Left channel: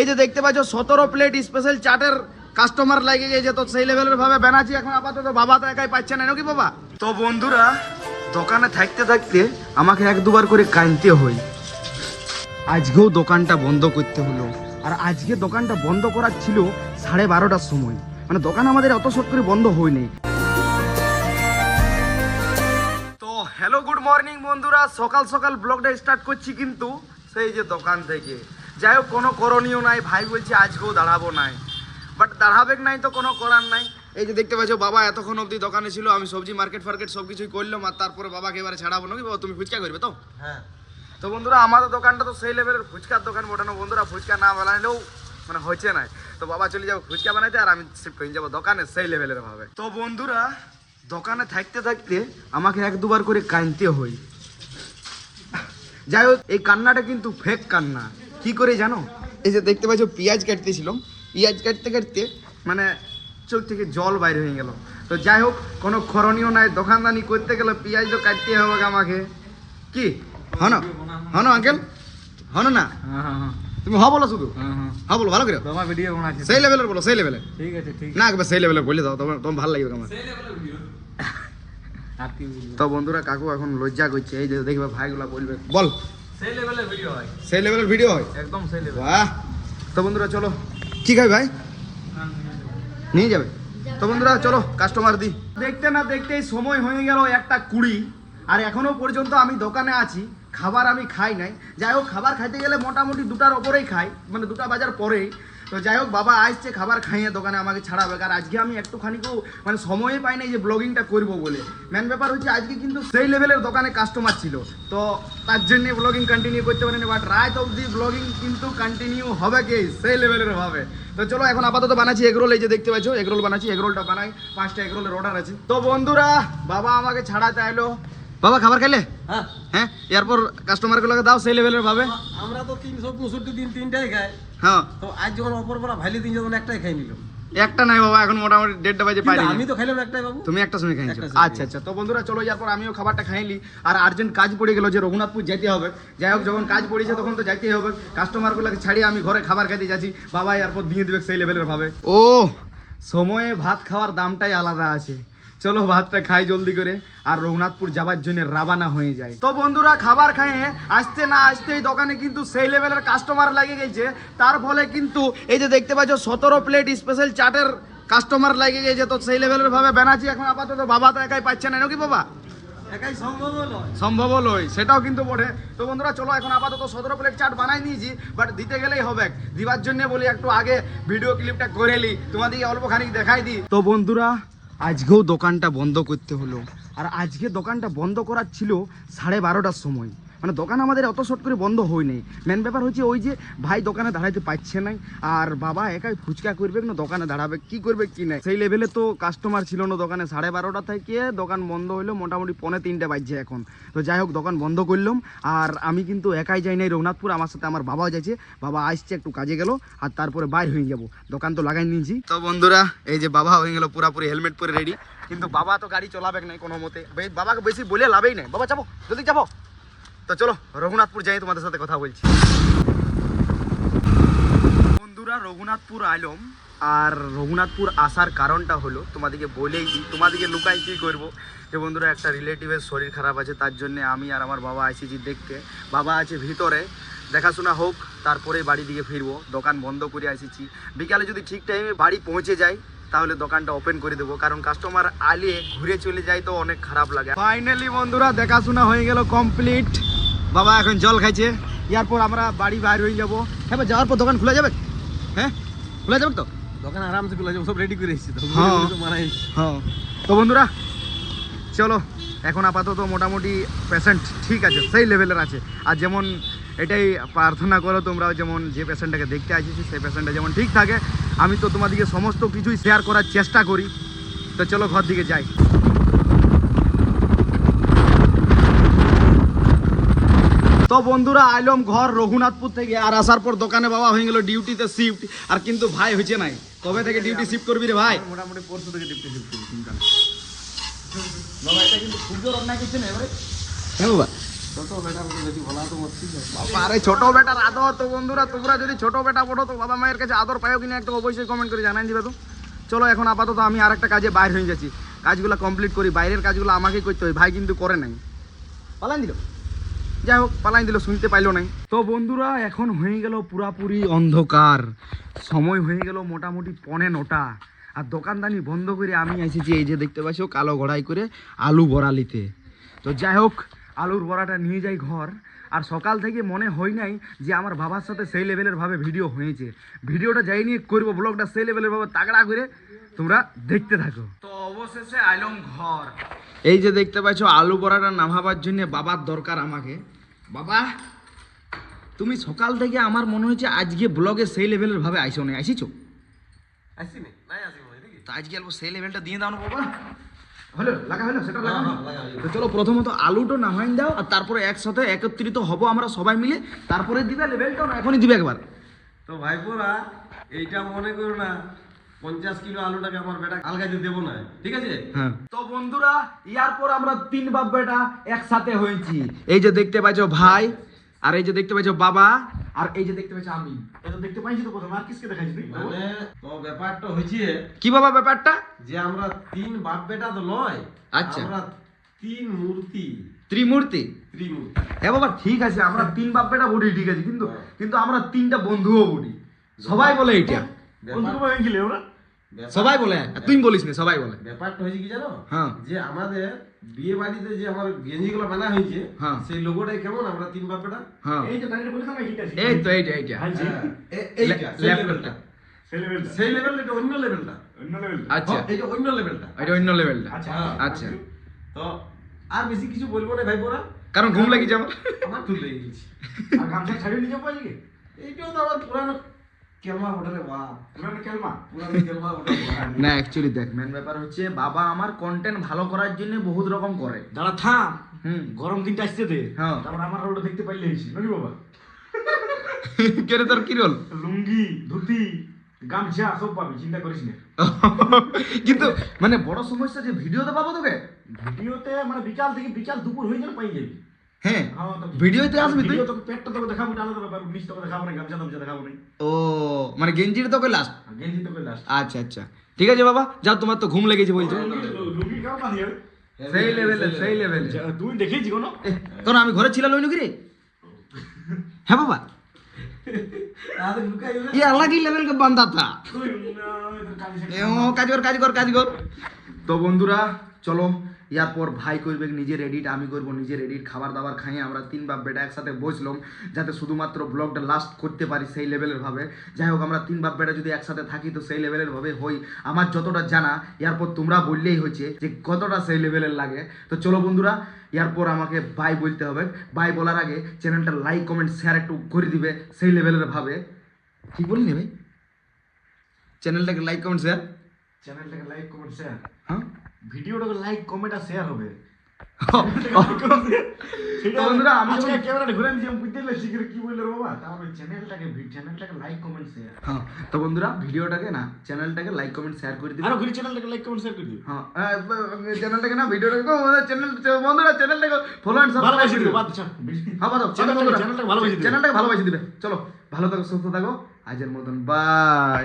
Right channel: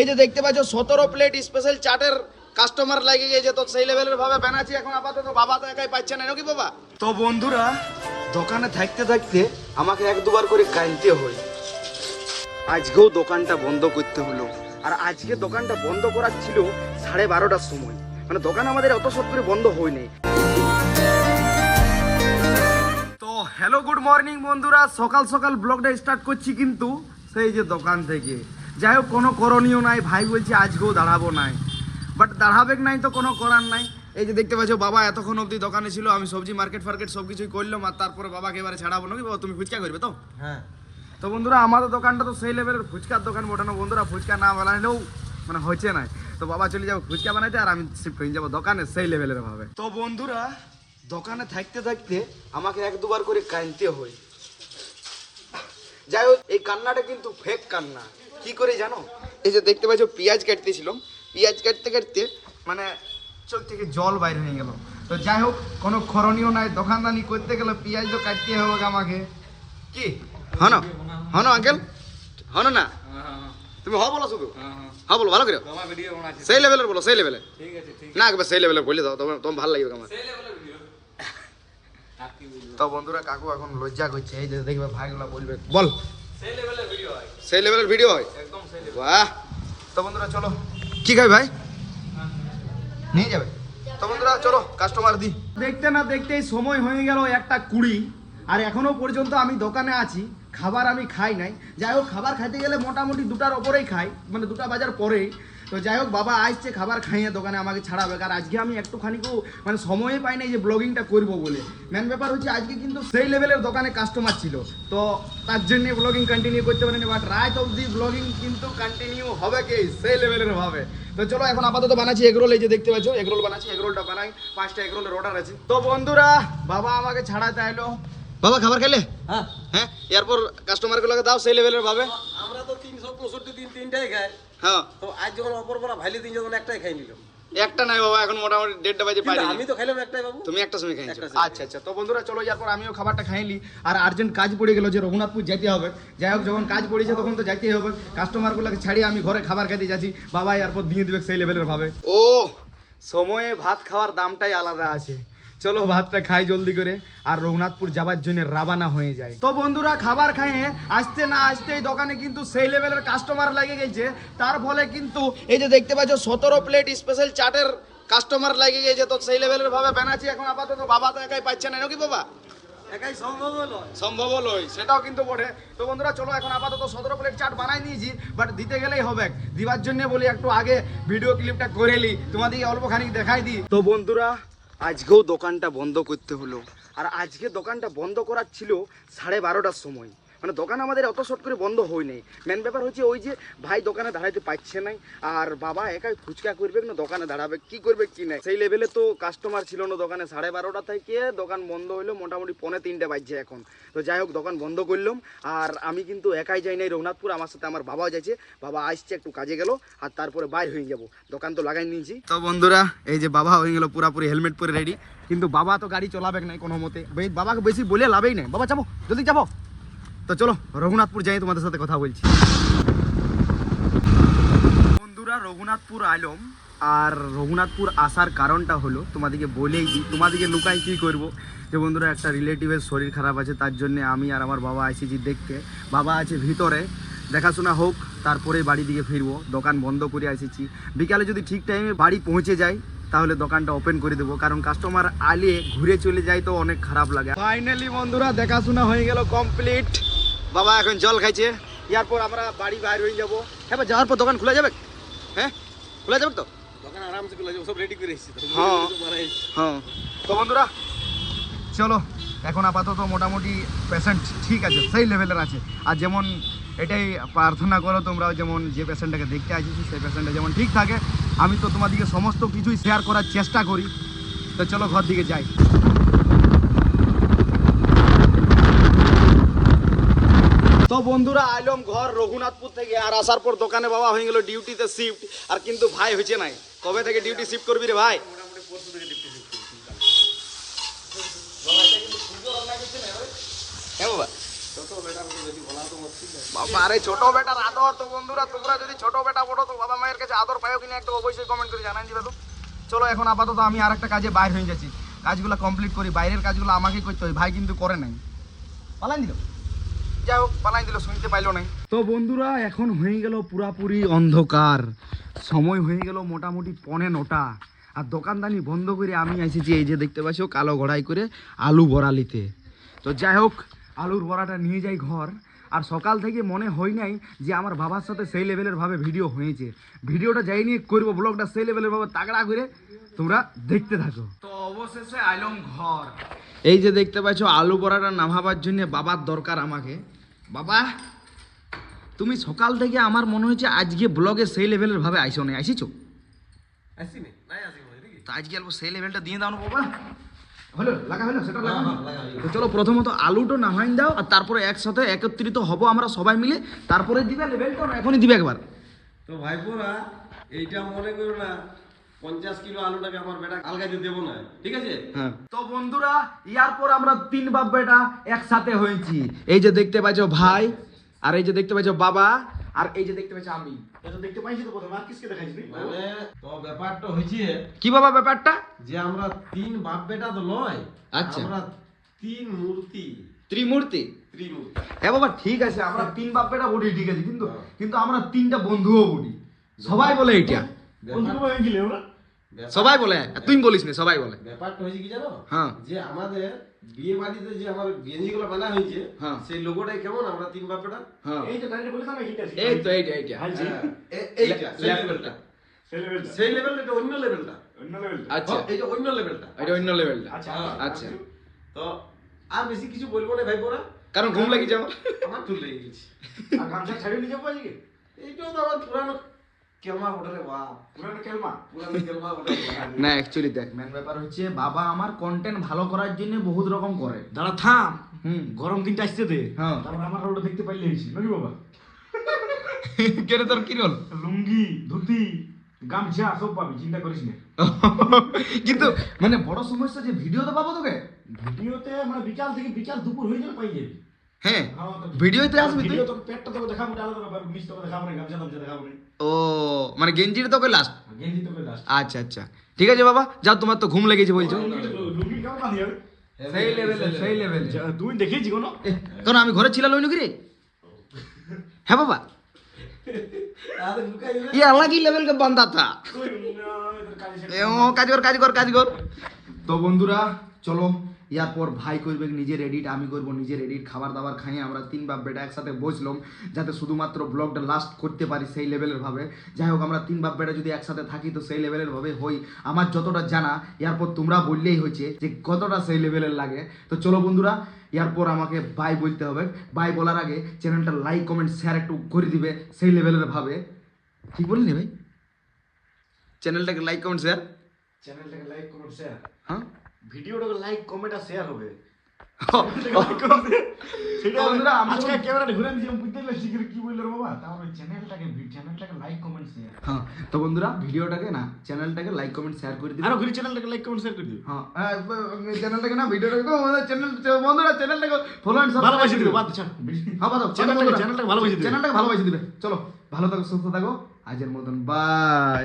এই যে দেখতে পাচ্ছ 17 প্লেট স্পেশাল চাটের কাস্টমার লাগে গেছে, তো সেই লেভেলের ভাবে বানাচ্ছি এখন আপাতত। বাবা তো একাই পাচ্ছে না নাকি বাবা? তো বন্ধুরা দোকানে থাকতে থাকতে আমাকে এক দুবার করে কাঁদতে হয়। আজকেও দোকানটা বন্ধ করতে হলো, আর আজকে দোকানটা বন্ধ করার ছিল 12:30টার সময়, মানে দোকান আমাদের অত সব করে বন্ধ হয়নি। তো হ্যালো গুড মর্নিং বন্ধুরা, সকাল সকাল ব্লগটা স্টার্ট করছি কিন্তু সেই যে দোকান থেকে। যাই হোক কোনো করণীয় নাই, ভাই বলছে আজকেও দাঁড়াবো নাই, বাট দাঁড়াবে নাই তো কোনো করার নাই। এই যে দেখতে পাচ্ছ বাবা এতক্ষণ অবধি দোকানে ছিল, আমি সবজি মার্কেট ফার্কেট সব কিছুই করলাম, আর তারপরে বাবাকে এবারে ছাড়াবো নাকি বাবা? তুমি ফুচকা করবে তো? হ্যাঁ। তো বন্ধুরা আমাদের দোকানটা তো সেই লেভেলের ফুচকার দোকান বটানো বন্ধুরা, ফুচকা না বানালেও মানে হচ্ছে না। তো বাবা চলে যাবো ফুচকা বানাইতে, আর আমি শিফট হয়ে যাবো দোকানে সেই লেভেলের ভাবে। তো বন্ধুরা দোকানে থাকতে থাকতে আমাকে এক দুবার করে কাঁদতে হয়। যাই হোক এই কান্নাটা কিন্তু ফেক কান্না। কি করে জানো? এই যে দেখতে পাচ্ছ পেঁয়াজ কাটতেছিলাম, পেঁয়াজ কাটতে কাটতে মানে চোখ থেকে জল বাইরে হয়ে গেল। তো যাই হোক কোনো করণীয় নাই, দোকানদানি করতে গেলে পেঁয়াজ তো কাটতে হবে আমাকে। কি হনো হনো আঙ্কেল হনো না? তুমি হ বলো, শুধু হ্যাঁ বলো ভালো করে, সেই লেভেলের বলো, সেই লেভেলের। ঠিক আছে ঠিক না, একবার সেই লেভেলের বলে দাও, তোমার ভালো লাগবে আমার। তো বন্ধুরা কাকু এখন লজ্জা করছে, এই যে দেখবে ভাইগুলা বলবে বল সেই লেভেলের ভিডিও হয়, সেই লেভেলের ভিডিও হয় একদম সেই লেভেল। বাহ। তো বন্ধুরা চলো কি খাই ভাই নিয়ে যাবে। তো বন্ধুরা চলো কাস্টমার দি। দেখতে না দেখতেই সময় হয়ে গেল 1:20, আর এখনো পর্যন্ত আমি দোকানে আছি, খাবার আমি খাই নাই। যাই হোক খাবার খাইতে গেলে মোটামুটি 2টার ওপরেই খাই, মানে 2টা বাজার পরেই। তো যাই হোক বাবা আসছে খাবার খাইয়ে দোকানে আমাকে ছাড়াবে, আর আজকে আমি একটুখানিকেও মানে সময়ই পাই নাই যে ব্লগিংটা করবো বলে। মেন ব্যাপার হচ্ছে আজকে কিন্তু সেই লেভেলের দোকানে কাস্টমার ছিল, তো তার জন্য ব্লগিং কন্টিনিউ করতে পারিনি, বাট রাত অবধি ব্লগিং কিন্তু কন্টিনিউ হবে কি সেই লেভেলের হবে। তো চলো এখন আপাতত বানাচ্ছি এগরোল, এই যে দেখতে পাচ্ছ এগরোল বানাচ্ছি, এগরোলটা বানাই, 5টা এগরোলের অর্ডার আছে। তো বন্ধুরা বাবা আমাকে ছাড়া চাইলো। বাবা খাবার খাইলে? হ্যাঁ হ্যাঁ, এরপর কাস্টমার গুলোকে দাও সেই লেভেলের ভাবে। আমরা তো 365 দিন 3টাই খাই। হ্যাঁ তো আজ যখন অপর পরা ভাইলে দিন যখন একটাই খাই নিল। একটা নাই বাবা, এখন মোটামুটি 1:30 বাজে পাই। আমি তো খাইলাম একটাই বাবু, তুমি একটা সময় খাইছো? আচ্ছা আচ্ছা। তো বন্ধুরা চলো এরপর আমিও খাবারটা খাইলি, আর আর্জেন্ট কাজ পড়ে গেল যে রঘুনাথপুর যেতে হবে। যাই হোক যখন কাজ পড়েছে তখন তো যাইতেই হবে, কাস্টমার গুলোকে ছাড়িয়ে আমি ঘরে খাবার খেতে যাচ্ছি। বাবা এরপর দিয়ে দিবে সেই লেভেলের ভাবে। ও সময়ে ভাত খাওয়ার দামটাই আলাদা আছে। চলো ভাতটা খাই জলদি করে, আর রঘুনাথপুর যাবার জন্য রাবানা হয়ে যায়। তো বন্ধুরা খাবার খাইয়ে আসতে না আসতেই দোকানে কিন্তু সেই লেভেলের কাস্টমার লাগে গেছে, তার ফলে কিন্তু এই যে দেখতে পাচ্ছ 17 প্লেট স্পেশাল চাটের কাস্টমার লাগে গেছে। তো সেই লেভেলের ভাবে বানাচ্ছি এখন আপাতত। বাবা তো একাই পাচ্ছে না নাকি বাবা? একাই সম্ভব নয়, সেটাও কিন্তু বটে। তো বন্ধুরা চলো এখন আপাতত 17 প্লেট চাট বানাই নিয়েছি, বাট দিতে গেলেই হবে। দিবার জন্য বলি একটু আগে ভিডিও ক্লিপটা করে নি, তোমাদেরকে অল্প খানিক দেখাই দিই। তো বন্ধুরা আজকেও দোকানটা বন্ধ করতে হলো, আর আজকে দোকানটা বন্ধ করার ছিল 12:30টার সময়, মানে দোকান আমাদের অত শর্ট করে বন্ধ হয়নি। মেন ব্যাপার হচ্ছে ওই যে ভাই দোকানে দাঁড়াইতে পারছে না, আর বাবা একাই ফুচকা করবে না, দোকানে দাঁড়াবে কি করবে কি নাই সেই লেভেলে তো কাস্টমার ছিল না দোকানে। 12:30টা থেকে দোকান বন্ধ হইলো, মোটামুটি 2:45 বাজছে এখন। তো যাই হোক দোকান বন্ধ করলাম, আর আমি কিন্তু একাই যাই নাই রঘুনাথপুর, আমার সাথে আমার বাবাও যাচ্ছে। বাবা আসছে একটু কাজে গেল, আর তারপরে বাইর হয়ে যাব, দোকান তো লাগাই নিয়েছি। তো বন্ধুরা এই যে বাবা হয়ে গেল পুরাপুরি হেলমেট পরে রেডি, কিন্তু বাবা তো গাড়ি চলাবে নাই কোনো মতে, বাবাকে বেশি বলে লাভই নাই। বাবা যাবো জলদি যাবো। তো চলো রঘুনাথপুর যাই, তোমাদের সাথে কথা বলছি। বন্ধুরা রঘুনাথপুর আইলাম, আর রঘুনাথপুর আসার কারণটা হলো তোমাদেরকে বলেই দিই, তোমাদেরকে লুকাই কি করব। যে বন্ধুরা একটা রিলেটিভের শরীর খারাপ আছে, তার জন্য আমি আর আমার বাবা এসেছি দেখতে। বাবা আছে ভিতরে, দেখাশোনা হোক তারপরে বাড়ি দিকে ফিরবো। দোকান বন্ধ করে এসেছি, বিকালে যদি ঠিক টাইমে বাড়ি পৌঁছে যাই তাহলে দোকানটা ওপেন করে দেবো, কারণ কাস্টমার আলে ঘুরে চলে যায় তো অনেক খারাপ লাগে। ফাইনালি বন্ধুরা দেখাশোনা হয়ে গেল কমপ্লিট, বাবা এখন জল খাইছে, এরপর আমরা বাড়ি বাইর হয়ে যাবো। হ্যাঁ যাওয়ার পর দোকান খোলা যাবে? হ্যাঁ খোলা যাবে তো? দোকান আরামসে খোলা যাবে, সব রেডি করে এসেছি তো। হ্যাঁ হ্যাঁ। তো বন্ধুরা চলো এখন আপাতত মোটামুটি পেশেন্ট ঠিক আছে, সেই লেভেলের আছে। আর যেমন এটাই প্রার্থনা করো তোমরা, যেমন যে পেশেন্টটাকে দেখতে আসছি সেই পেশেন্টটা যেমন ঠিক থাকে, আমি তো তোমাদেরকে সমস্ত কিছুই শেয়ার করার চেষ্টা করি। তো চলো ঘর দিকে যাই। তো বন্ধুরা আইলাম ঘর রঘুনাথপুর থেকে, আর আসার পর দোকানে বাবা হয়ে গেল ডিউটিতে শিফট, আর কিন্তু ভাই হয়েছে নাই। কবে থেকে ডিউটি শিফট করবি রে ভাই? মোটামুটি পরশু থেকে ডিউটি শিফট করব, চিন্তা না। বাবা এটা কিন্তু খুব জোর অন্যায় করছে না এবারে। হ্যাঁ বাবা ছোট বেটার যদি বলা তো মুশকিল আছে। বাবা আরে ছোট বেটার আদর। তো বন্ধুরা তোমরা যদি ছোট বেটা পড়ো তো বাবা মায়ের কাছে আদর পাও কিনা একদম অবশ্যই কমেন্ট করে জানাই দিবে। তো চলো এখন আপাতত আমি আরেকটা কাজে বাইরে হয়ে যাচ্ছি, কাজগুলো কমপ্লিট করি। বাইরের কাজগুলো আমাকেই করতে হয়, ভাই কিন্তু করে নাই, পালান দিল। যাই হোক পালাই দিল, শুনতে পাইলো নাই। তো বন্ধুরা এখন হয়ে গেল পুরাপুরি অন্ধকার, সময় হয়ে গেল মোটামুটি 9:45, আর দোকানদানি বন্ধ করে আমি এসেছি এই যে দেখতে পাচ্ছ কালো ঘড়াই করে আলু বড়া নিতে। তো যাই হোক আলুর বড়াটা নিয়ে যাই ঘর। আর সকাল থেকে মনে হয় নাই যে আমার বাবার সাথে সেই লেভেলের ভাবে ভিডিও হয়েছে। ভিডিওটা যাই নিয়ে করবো, ব্লগটা সেই লেভেলের ভাবে তাগড়া করে তোমরা দেখতে থাকো। তো অবশেষে আইলাম ঘর। এই যে দেখতে পাচ্ছ আলু বড়াটা নামাবার জন্য বাবার দরকার আমাকে। বাবা তুমি সকাল থেকে আমার মনে হচ্ছে আজকে ব্লগে সেই লেভেলের ভাবে আইসো না, আইসিছো? আসছি না নাই আসি মই দেখি তো আজকে অল্প সেই লেভেলটা দিয়ে দাও না বাবা। হলো লাগা হলো সেটা লাগা। তো চলো প্রথমত আলুটা নামাই দাও, আর তারপরে একসাথে একত্রিত হব আমরা সবাই মিলে, তারপরে দিবে লেভেলটা, এখনই দিবে একবার। তো ভাইপোরা এইটা মনে করো না 50 কিলো আলুটাকে আমার বেটা আলগাইতে দেবো না, ঠিক আছে? হ্যাঁ তো বন্ধুরা ইয়ার পর আমরা 3 বাপ বেটা একসাথে হয়েছি। এই যে দেখতে পাচ্ছ ভাই, আর এই যে দেখতে পাচ্ছ বাবা, আর এই যে দেখতে পাচ্ছ আমি। এটা দেখতে পাইছি তো প্রথমে আর কিসকে দেখাইছি মানে তো ব্যাপারটা হইছে কি বাবা ব্যাপারটা? যে আমরা 3 বাপ বেটা তো নয়, আচ্ছা। আমরা 3 মূর্তি। ত্রিমূর্তি। হ্যাঁ বাবা ঠিক আছে, আমরা 3 বাপ বেটা বলি ঠিক আছে, কিন্তু কিন্তু আমরা 3টা বন্ধুও বলি। সবাই বলে এটা, বন্ধু হয়ে গেলে আমরা সবাই বলে, তুই বলিস না, সবাই বলে। ব্যাপারটা হয়েছে কি জানো? হ্যাঁ। যে আমাদের বিয়ে বাড়িতে যে আমার গেঞ্জিগুলো বানা হয়েছে, হ্যাঁ। সেই লোগোটাই কেমন আমরা 3 বাপ বেটা। হ্যাঁ এই যে দাঁড়িয়ে বলছ না এইটা এই তো এইটা এইটা লেভেলটা। সেই লেভেলটা এটা অন্য লেভেলটা। আচ্ছা এটা অন্য লেভেলটা। এটা অন্য লেভেলটা। আচ্ছা আচ্ছা তো আর বেশি কিছু বলবো না ভাই পোরা, কারণ ঘুম লাগিছে আমার। আমার চুল লেগে গেছে। আর গামছা ছাড়িয়ে নিয়ে যাবো আজকে? এইটাও তো আমার পুরানো কেলমা ওঠে রে বাহ, পুরানো কেলমা। পুরানো কেলমা ওঠে। না অ্যাকচুয়ালি দেখ মেন ব্যাপার হচ্ছে বাবা আমার কন্টেন্ট ভালো করার জন্য বহুত রকম করে। দাঁড়া থাম, হুম গরম দিনটা আসছে দে। হ্যাঁ তারপর আমার রোড দেখতে পাইলে এসি নাকি বাবা? কেন তোর কি রোল? লুঙ্গি, ধুতি, গামছা সব পাবি, চিন্তা করিস না। কিন্তু মানে বড় সমস্যা যে ভিডিওতে পাবো তোকে। ভিডিওতে মানে বিকাল থেকে বিকাল দুপুর হয়ে গেলে পাই যাবি। হ্যাঁ হ্যাঁ, তো ভিডিওতে আসবি তুই? ভিডিও তোকে পেটটা তোকে দেখাবো, আলাদা ব্যাপার, নিচ তোকে দেখাবো না, গামছা টামছা দেখাবো না। ও মানে গেঞ্জির তোকে লাস্ট। আর গেঞ্জি তোকে লাস্ট। আচ্ছা আচ্ছা ঠিক আছে বাবা, যাও তোমার তো ঘুম লেগেছে বলছো। লুঙ্গি কেমন বাঁধি যাবে? সেই লেভেলে সেই লেভেলে। তুই দেখেছি কোনো? তোর আমি ঘরে ছিলাম লইনু কি রে? হ্যাঁ বাবা তাহলে লুকাই গেলে ये अलग ही लेवल का बंदा था। তুই কাজ কর। তো বন্ধুরা চলো ইয়ারপর ভাই করবে নিজের এডিট, আমি করব নিজের এডিট, খাবার দাবার খাইয়ে আমরা 3 বাপ বেটা একসাথে বসলাম যাতে শুধুমাত্র ব্লগটা লাস্ট করতে পারি সেই লেভেলের ভাবে। যাই হোক আমরা 3 বাপ বেটা যদি একসাথে থাকি তো সেই লেভেলের ভাবে হই। আমার যতটা জানা ইয়ারপর তোমরা বললেই হচ্ছে যে কতটা সেই লেভেলের লাগে। তো চলো বন্ধুরা ইয়ারপর আমাকে বাই বলতে হবে। বাই বলার আগে চ্যানেলটা লাইক কমেন্ট শেয়ার একটু করে দিবে সেই লেভেলের ভাবে। ঠিক বলিনি ভাই? চ্যানেলটাকে লাইক কমেন্ট শেয়ার। চ্যানেলটাকে লাইক কমেন্ট শেয়ার, হ্যাঁ ভিডিওটাকে লাইক কমেন্ট আর শেয়ার হবে। বন্ধুরা, আমি আজকে ক্যামেরাটা ঘুরে নিয়ে বুঝতে পারলে শিখে কি বললে বাবা, তাহলে চ্যানেলটাকে লাইক কমেন্ট শেয়ার। হ্যাঁ তো বন্ধুরা ভিডিওটাকে না চ্যানেলটাকে লাইক কমেন্ট শেয়ার করে দিবে। আরো ঘুরে চ্যানেলটাকে লাইক কমেন্ট শেয়ার করে দিও। হ্যাঁ চ্যানেলটাকে না ভিডিওটাকে চ্যানেল বন্ধুরা চ্যানেলটাকে ফলো এন্ড সাবস্ক্রাইব ভালোবাসি করে দিও, দিও। বাদ দাও। হ্যাঁ বাদ দাও। চ্যানেলটাকে ভালোবাসি দিও। চ্যানেলটাকে ভালোবাসি দিবে। চলো ভালো থাকো সুস্থ থাকো, আজের মতন বাই।